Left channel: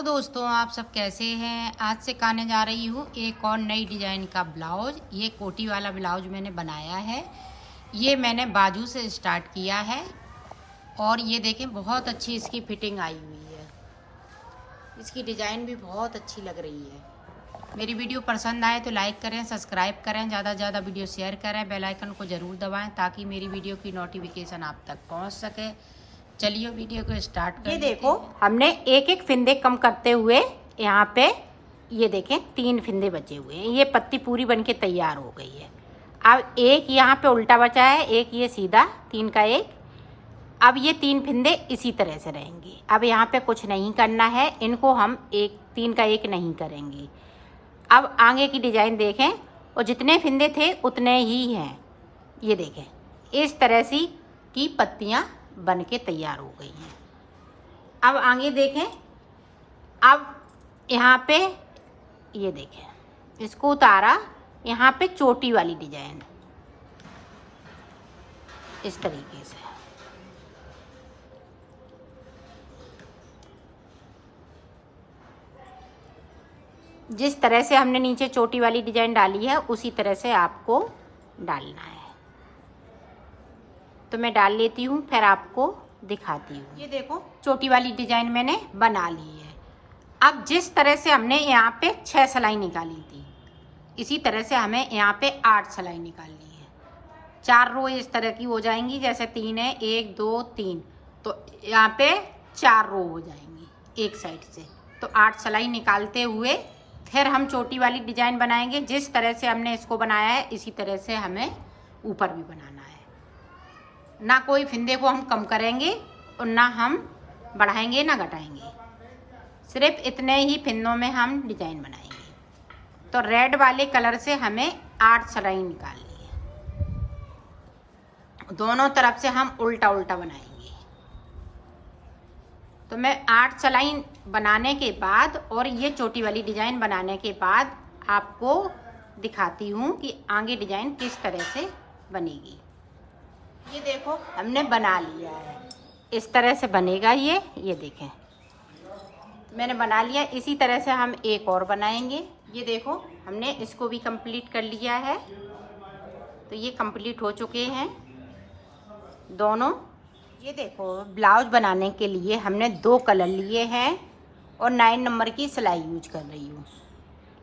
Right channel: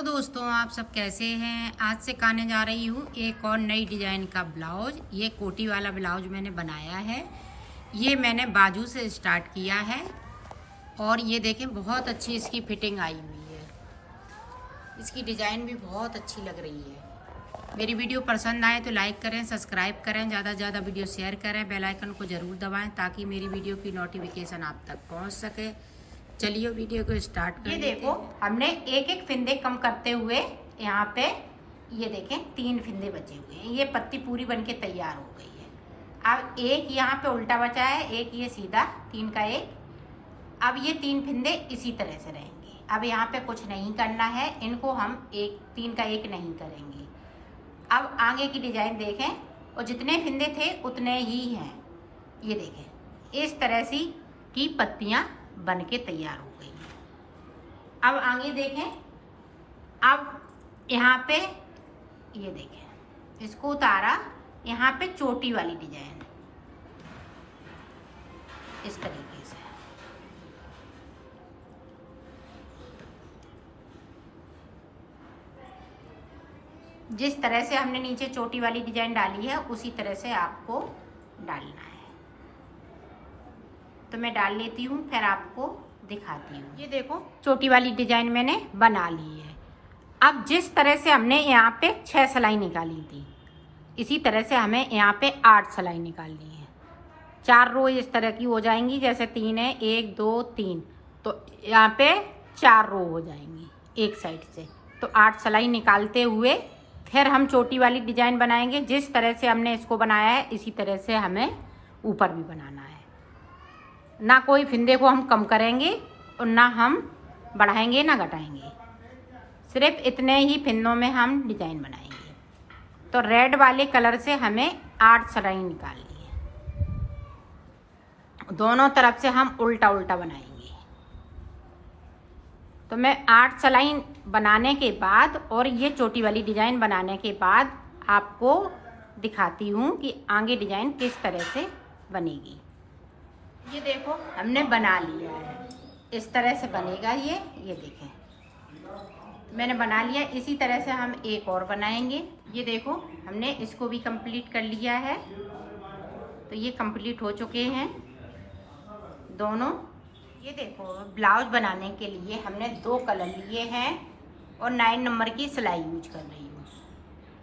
Hello दोस्तों, आप सब कैसे हैं। आज से करने जा रही हूँ एक और नई डिज़ाइन का ब्लाउज। ये कोटी वाला ब्लाउज मैंने बनाया है। ये मैंने बाजू से स्टार्ट किया है और ये देखें बहुत अच्छी इसकी फिटिंग आई हुई है। इसकी डिज़ाइन भी बहुत अच्छी लग रही है। मेरी वीडियो पसंद आए तो लाइक करें, सब्सक्राइब करें, ज़्यादा से ज़्यादा वीडियो शेयर करें, बेल आइकन को ज़रूर दबाएं ताकि मेरी वीडियो की नोटिफिकेशन आप तक पहुंच सके। चलिए वीडियो को स्टार्ट करें। ये देखो हमने एक एक फिंदे कम करते हुए यहाँ पे ये देखें 3 फिंदे बचे हुए हैं। ये पत्ती पूरी बनके तैयार हो गई है। अब एक यहाँ पे उल्टा बचा है, एक ये सीधा 3 का 1। अब ये 3 फिंदे इसी तरह से रहेंगे। अब यहाँ पे कुछ नहीं करना है, इनको हम 3 का 1 नहीं करेंगे। अब आगे की डिजाइन देखें और जितने फिंदे थे उतने ही हैं। ये देखें इस तरह सी की पत्तियाँ बन के तैयार हो गई हैं। अब आगे देखें, अब यहाँ पे ये देखें इसको उतारा, यहाँ पे चोटी वाली डिजाइन इस तरीके से। जिस तरह से हमने नीचे चोटी वाली डिजाइन डाली है उसी तरह से आपको डालना है। तो मैं डाल लेती हूँ, फिर आपको दिखाती हूँ। ये देखो चोटी वाली डिजाइन मैंने बना ली है। अब जिस तरह से हमने यहाँ पे 6 सिलाई निकाली थी, इसी तरह से हमें यहाँ पे 8 सिलाई निकालनी है। 4 रो इस तरह की हो जाएंगी, जैसे 3 है, 1 2 3, तो यहाँ पे 4 रो हो जाएंगी एक साइड से। तो 8 सिलाई निकालते हुए फिर हम चोटी वाली डिजाइन बनाएंगे। जिस तरह से हमने इसको बनाया है इसी तरह से हमें ऊपर भी बनाना है। ना कोई फिंदे को हम कम करेंगे और ना हम बढ़ाएंगे ना घटाएंगे, सिर्फ इतने ही फिंदों में हम डिजाइन बनाएंगे। तो रेड वाले कलर से हमें 8 सिलाई निकालनी है। दोनों तरफ से हम उल्टा उल्टा बनाएंगे। तो मैं 8 सिलाई बनाने के बाद और ये चोटी वाली डिजाइन बनाने के बाद आपको दिखाती हूँ कि आगे डिजाइन किस तरह से बनेगी। ये देखो हमने बना लिया है, इस तरह से बनेगा ये देखें मैंने बना लिया। इसी तरह से हम एक और बनाएंगे। ये देखो हमने इसको भी कंप्लीट कर लिया है। तो ये कंप्लीट हो चुके हैं दोनों। ये देखो ब्लाउज बनाने के लिए हमने 2 कलर लिए हैं और 9 नंबर की सिलाई यूज कर रही हूँ।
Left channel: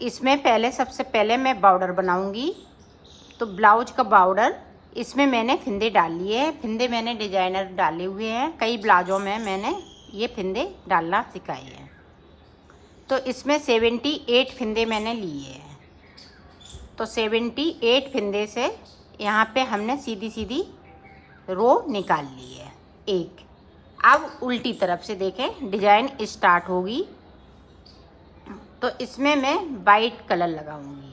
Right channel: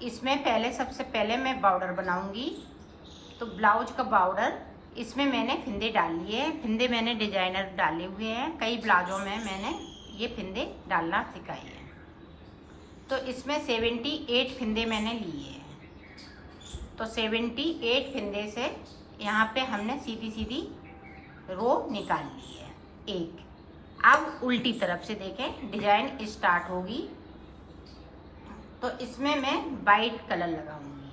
इसमें पहले सबसे पहले मैं बॉर्डर बनाऊंगी। तो ब्लाउज का बॉर्डर इसमें मैंने फिंदे डाल लिए हैं। फिंदे मैंने डिजाइनर डाले हुए हैं, कई ब्लाउजों में मैंने ये फिंदे डालना सिखाए हैं। तो इसमें 78 फिंदे मैंने लिए हैं। तो 78 फिंदे से यहाँ पे हमने सीधी सीधी रो निकाल ली है एक। अब उल्टी तरफ से देखें डिजाइन स्टार्ट होगी। तो इसमें मैं वाइट कलर लगाऊंगी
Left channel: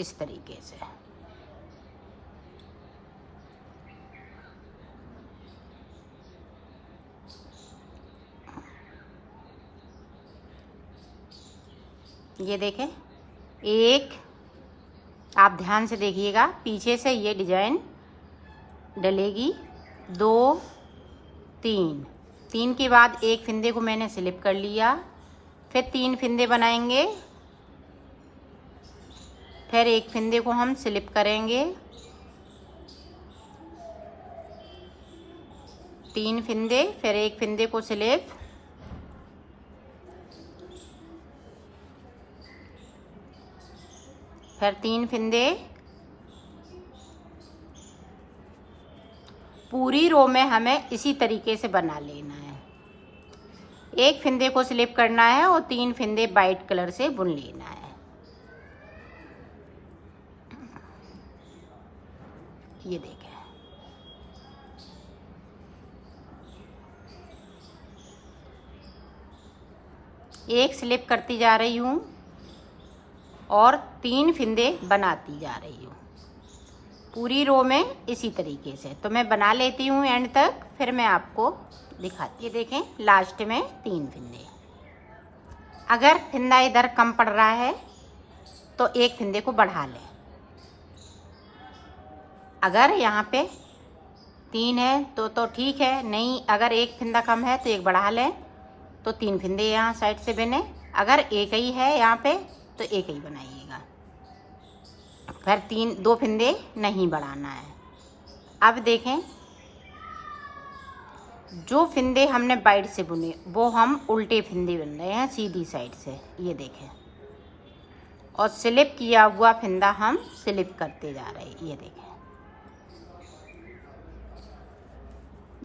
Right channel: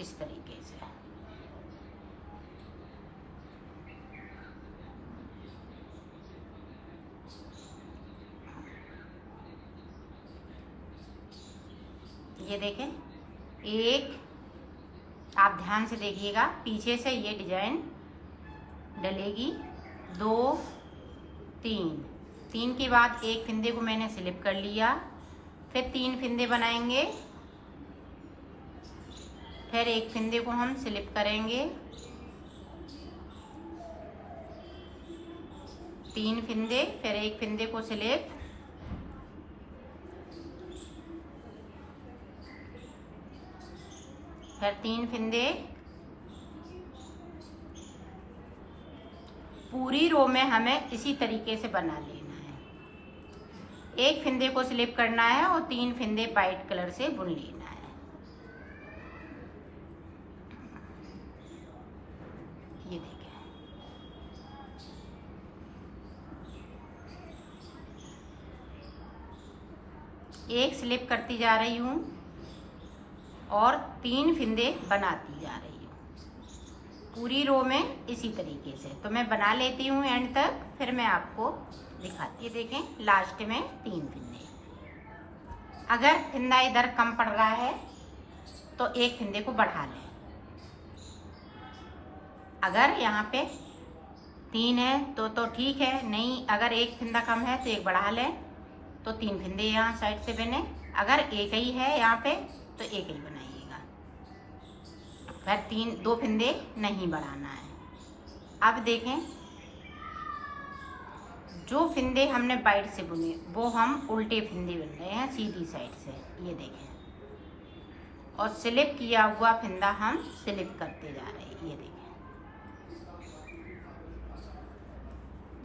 इस तरीके से। ये देखें एक, आप ध्यान से देखिएगा, पीछे से ये डिजाइन डलेगी 2 3 के बाद एक फिंदे को मैंने स्लिप कर लिया। फिर 3 फिंदे बनाएंगे, फिर एक फिंदे को हम स्लिप करेंगे, 3 फिंदे, फिर एक फिंदे को स्लिप, फिर 3 फिंदे। पूरी रो में हमें इसी तरीके से बना लेना है। एक फिंदे को स्लिप करना है और 3 फिंदे वाइट कलर से बुन लेना है। ये देखें एक स्लिप करती जा रही हूँ और 3 फिंदे बनाती जा रही हूँ पूरी रो में इसी तरीके से। तो मैं बना लेती हूँ एंड तक, फिर मैं आपको दिखाती। ये देखें लास्ट में 3 फिंदे। अगर फिंदा इधर कम पड़ रहा है तो एक फिंदे को बढ़ा लें। अगर यहाँ पे 3 है तो ठीक है, नहीं अगर एक फंदा कम है तो एक बढ़ा लें, तो 3 फंदे यहाँ साइड से बने। अगर एक ही है यहाँ पे तो एक ही बनाइएगा, फिर 2 फंदे नहीं बढ़ाना है। अब देखें, जो फिंदे हमने बाइट से बुने वो हम उल्टे फिंदे बुन रहे हैं सीधी साइड से, ये देखें। और स्लिप किया हुआ फिंदा हम स्लिप करते जा रहे हैं, ये देखें।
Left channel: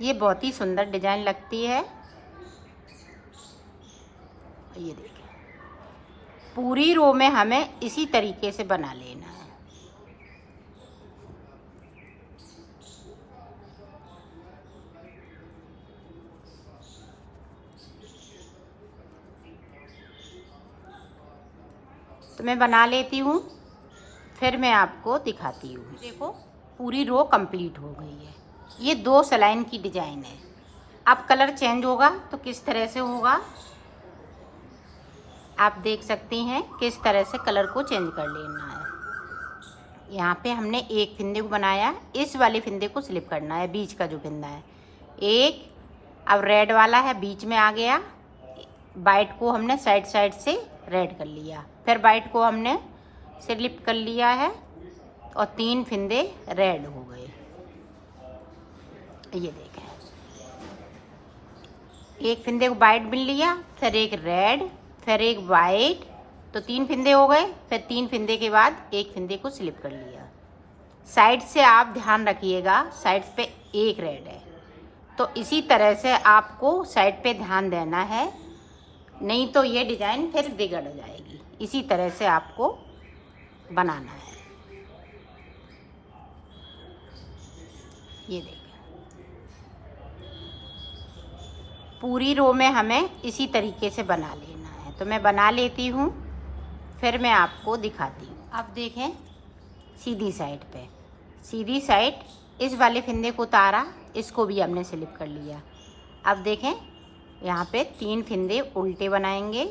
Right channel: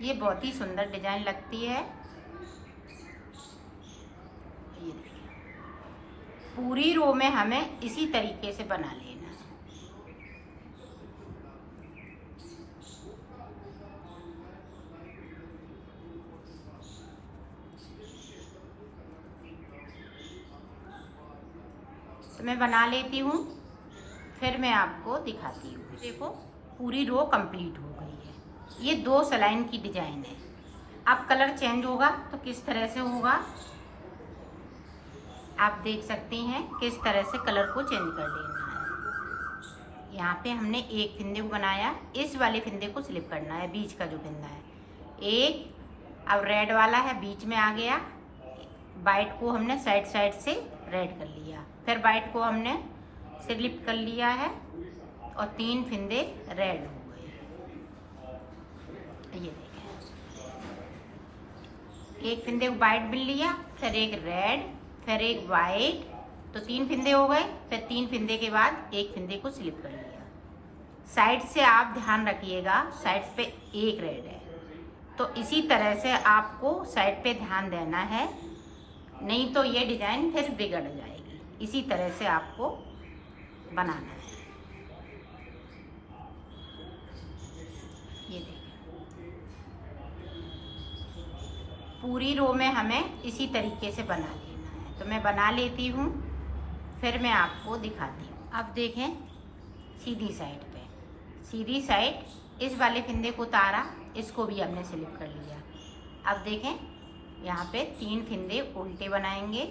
ये बहुत ही सुंदर डिजाइन लगती है, ये देखें। पूरी रो में हमें इसी तरीके से बना लेना है। तो मैं बना लेती हूँ, फिर मैं आपको दिखाती हूँ। देखो पूरी रो कंप्लीट हो गई है। ये 2 सलाइन की डिजाइन है। अब कलर चेंज होगा तो किस तरह से होगा आप देख सकते हैं। किस तरह से कलर को चेंज कर लेना है। यहाँ पे हमने एक फिंदे को बनाया, इस वाले फिंदे को स्लिप करना है, बीच का जो फिंदा है एक। अब रेड वाला है बीच में आ गया, वाइट को हमने साइड साइड से रेड कर लिया, फिर वाइट को हमने स्लिप कर लिया है और 3 फिंदे रेड हो गए। ये देखें, एक फिंदे को वाइट बिन लिया, फिर एक रेड, फिर एक वाइट, तो 3 फिंदे हो गए। फिर 3 फिंदे के बाद एक फिंदे को स्लिप कर लिया। साइड से आप ध्यान रखिएगा, साइड पे एक रेड है, तो इसी तरह से आपको साइड पे ध्यान देना है, नहीं तो ये डिजाइन फिर बिगड़ जाएगी। इसी तरह से आपको बनाना है। ये देखिए, पूरी रो में हमें इसी तरीके से बना लेना है। तो मैं बना लेती हूँ, फिर मैं आपको दिखाती हूँ। अब देखें, सीधी साइड पे, सीधी साइड इस वाले फिंदे को उतारा, इसको भी हमने स्लिप कर लिया। अब देखें, यहाँ पे 3 फिंदे उल्टे बनाएंगे।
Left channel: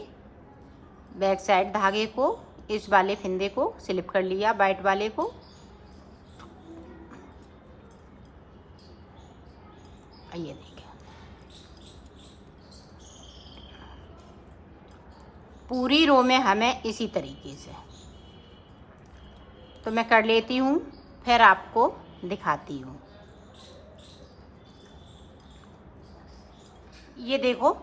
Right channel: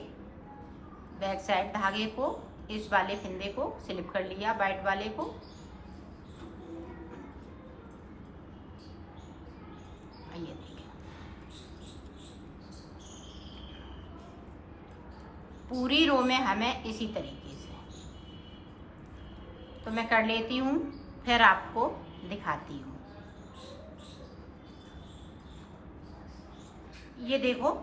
बैक साइड धागे को, इस वाले फिंदे को स्लिप कर लिया, वाइट वाले को। ये देखें, पूरी रो में हमें इसी तरीके से। तो मैं कर लेती हूँ, फिर आपको दिखाती हूँ। ये देखो,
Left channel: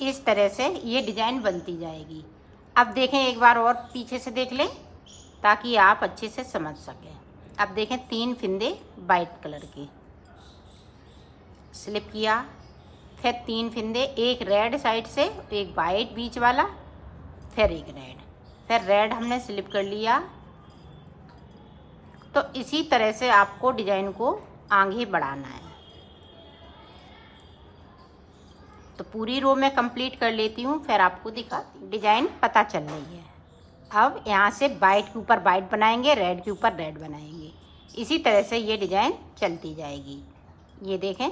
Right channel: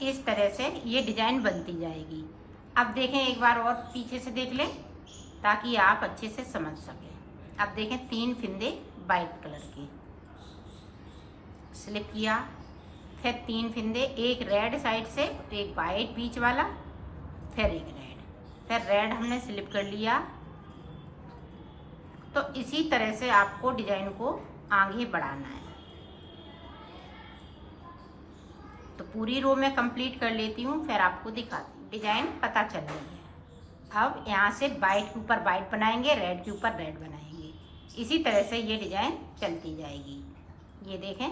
इस तरह से ये डिजाइन बनती जाएगी। अब देखें, एक बार और पीछे से देख लें ताकि आप अच्छे से समझ सकें। अब देखें, 3 फिंदे वाइट कलर के स्लिप किया, फिर 3 फिंदे, एक रेड साइड से, एक वाइट बीच वाला, फिर एक रेड, फिर रेड हमने स्लिप कर लिया। तो इसी तरह से आपको डिजाइन को आगे बढ़ाना है। तो पूरी रो में कंप्लीट कर लेती हूँ, फिर आपको दिखाती हूँ। डिजाइन पता चल रही है। अब यहाँ से वाइट के ऊपर वाइट बनाएंगे, रेड के ऊपर रेड बनाएंगे। इसी तरह से ये डिजाइन चलती जाएगी। ये देखें,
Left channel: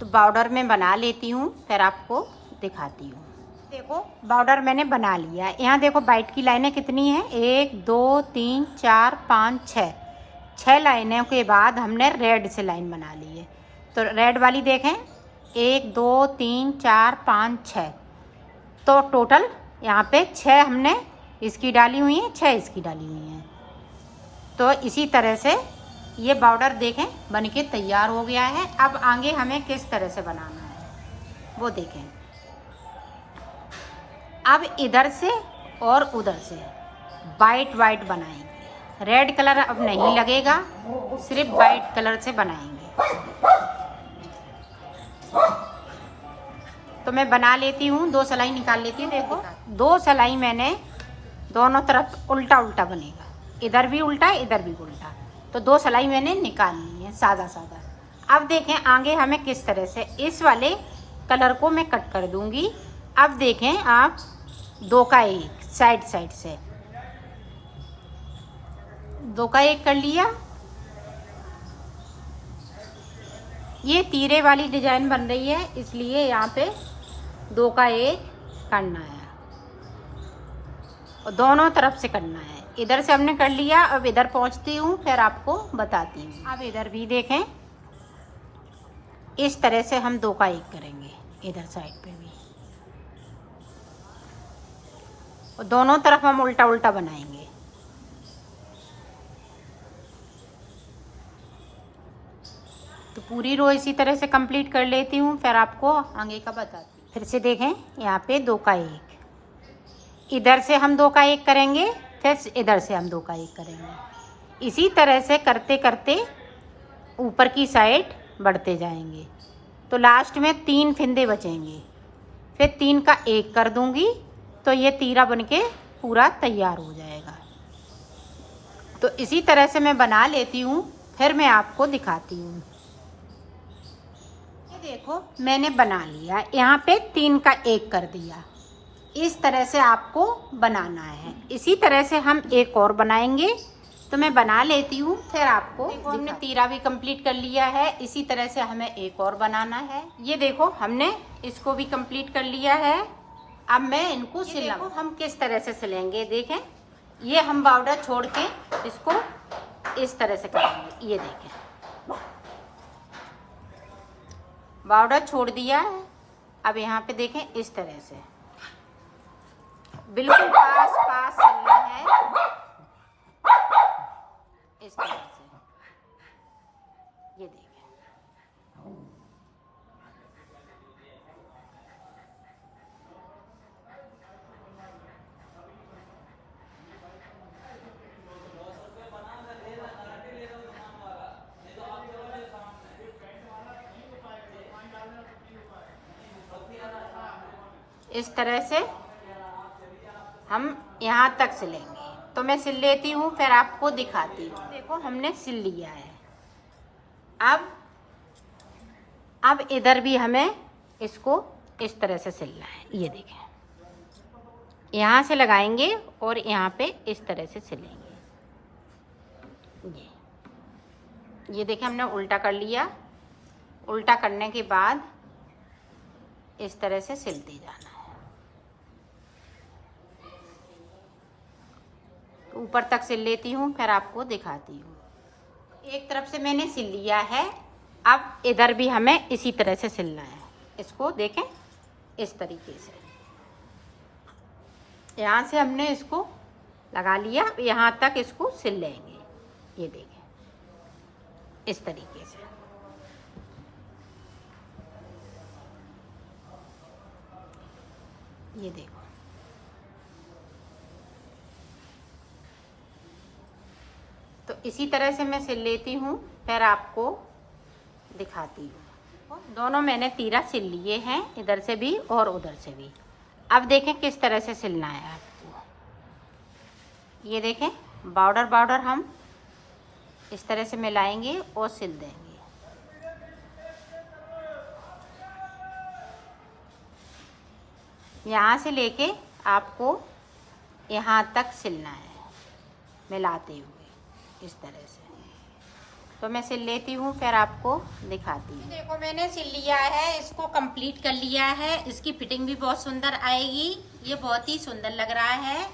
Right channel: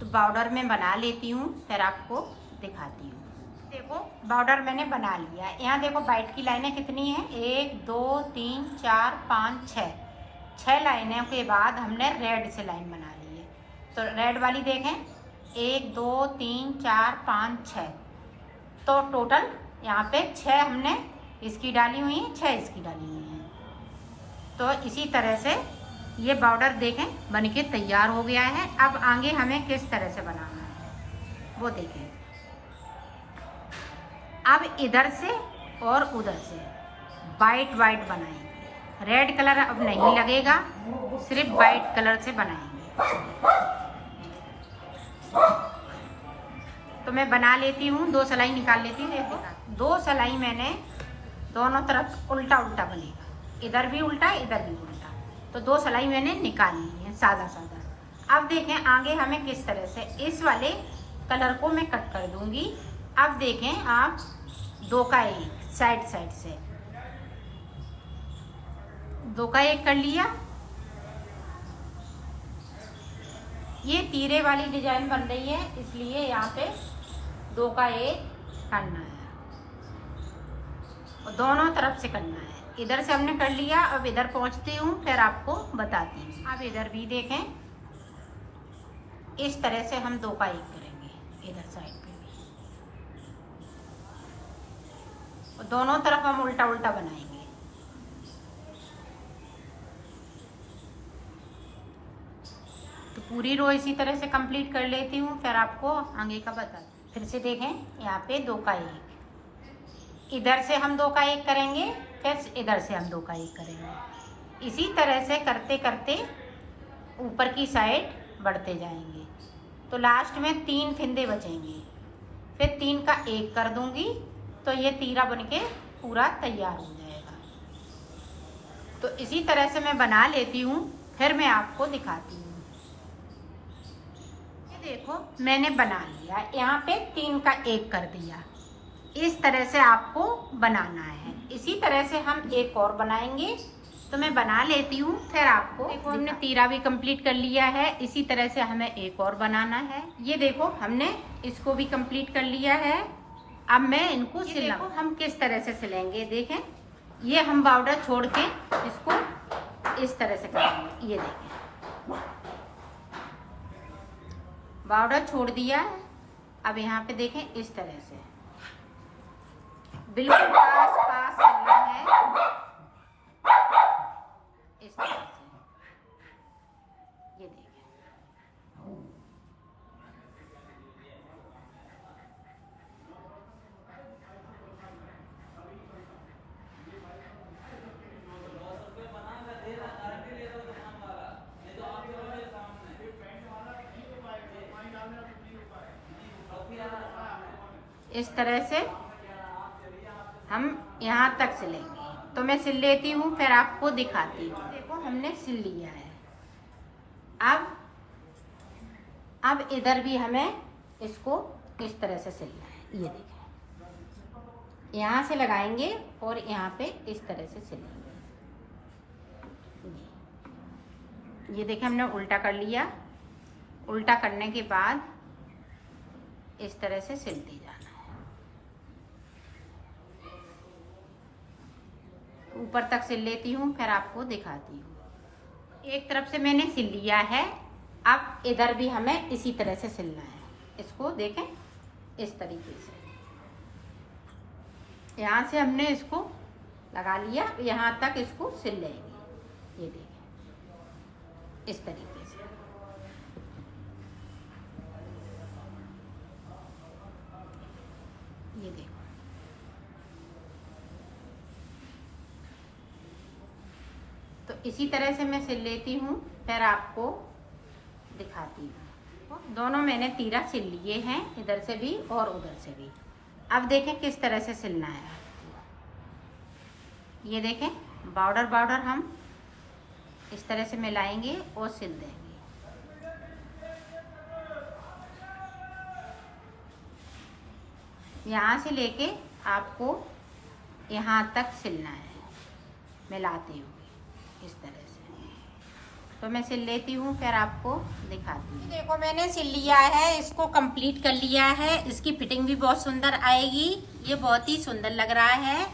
तो बॉर्डर में बना लेती हूँ, फिर आपको दिखाती हूँ। देखो, बॉर्डर मैंने बना लिया है। यहाँ देखो वाइट की लाइनें कितनी हैं, 1 2 3 4 5 6 लाइनों के बाद हमने रेड से लाइन बना ली है। तो रेड वाली देखें, 1 2 3 4 5 6, तो टोटल यहाँ पे 6 हमने इसकी डाली हुई हैं, 6 इसकी डाली हुई हैं। तो इसी तरह से ये बॉर्डर देखें बन के तैयार हो गया है। अब आगे हमें किस तरह से बनाना है वो देखें। अब इधर से और उधर से वाइट वाइट बनाएंगे। रेड कलर अब नहीं लगेगा, सिर्फ वाइट कलर से बनाएंगे। तो मैं बना लेती हूँ, 2 सिलाई निकाल लेती हूँ। देखो, 2 सिलाई मैंने दोनों तरफ उल्टा उल्टा बनेगा, इधर भी उल्टा इधर भी उल्टा। तो 2 सिलाई मैंने निकाल ली है सादा सादा। अब देखें आगे हमें किस तरह से, इस वाले कलर को मैं कट कर दूंगी। अब देखें आप, 2 का 1 साइड साइड से, 2 का 1 कर लिया। ये तीरे वाली डिजाइन बन रही है, इसलिए यहाँ पे 2 का 1 करना है और दोनों तरफ से करना है। इधर से हमने कर लिया, अब इधर पहुंचती हूँ फिर आपको बताती हूँ। अब इधर भी देखें, इस तरह से हम 2 का 1 करेंगे इधर साइड पे भी, और दोनों तरफ हम उल्टा उल्टा बनाएंगे। तो पूरी रो इसी तरह से कंप्लीट कर लेती हूँ, फिर आपको आगे का बताती हूँ। फिर से देखें, यहाँ पे 2 का 1, इधर से हम 2 का 1 करेंगे, फिर इधर से हम 2 का 1 करेंगे। इसी तरह से करते करते ऊपर की साइड बढ़ते जाएंगे। तो लास्ट में 3 फिंदे बचेंगे, फिर 3 का 1 कर दूंगी तो ये तीरा बनके पूरा तैयार हो जाएगा। तो इसी तरह से मैं बना लेती हूँ, फिर मैं आपको दिखाती हूँ। ये देखो मैंने बना लिया, यहाँ पे 3 का 1 कर दिया। इस तरह से आपको बनाना है। इसी तरह से हम एक और बनाएंगे, तो मैं बना लेती हूँ फिर आपको। हमने तीरा भी कंप्लीट कर लिया है, इसी तरह से हमें एक और बनाना है। ये देखो हमने इसको भी कंप्लीट कर लिया है। अब मैं इनको सिलना, हम किस तरह से सिलेंगे देखें। ये हम बॉर्डर छोड़ के इसको इस तरह से करेंगे। ये देखें बॉर्डर छोड़ दिया, अब यहाँ पे देखें इस तरह से बिल्कुल पास पास चलना है, इस तरह से। ये देखिए इस तरह से हम यहाँ तक सिलेंगे। तो मैं सिल लेती हूँ फिर आपको दिखाती हूँ। देखो हमने सिल लिया है। अब इधर भी हमें इसको इस तरह से सिलना है। ये देखें, यहाँ से लगाएंगे और यहाँ पे इस तरह से सिलेंगे। ये देखें हमने उल्टा कर लिया। उल्टा करने के बाद इस तरह से सिलते जाना है। ऊपर तक सिल लेती हूँ फिर आपको दिखाती हूँ। एक तरफ से मैंने सिल लिया है, अब इधर भी हमें इसी तरह से सिलना है। इसको देखें इस तरीके से, यहाँ से हमने इसको लगा लिया, यहाँ तक इसको सिल लेंगे। ये देखें इस तरीके से। ये देखो तो इसी तरह से मैं सिल लेती हूँ फिर आपको दिखाती हूँ। दोनों मैंने तीरा सिल लिए हैं, इधर से भी और उधर से भी। अब देखें किस तरह से सिलना है आपको। ये देखें बॉर्डर बॉर्डर हम इस तरह से मिलाएंगे और सिल देंगे। यहाँ से लेके आपको यहाँ तक सिलना है मिलाते हुए इस तरह से। तो मैं सिल लेती हूँ फिर आपको दिखाती हूँ। देखो मैंने सिल लिया है, इसको कंप्लीट कर लिया है। इसकी फिटिंग भी बहुत सुंदर आएगी। ये बहुत ही सुंदर लग रहा है।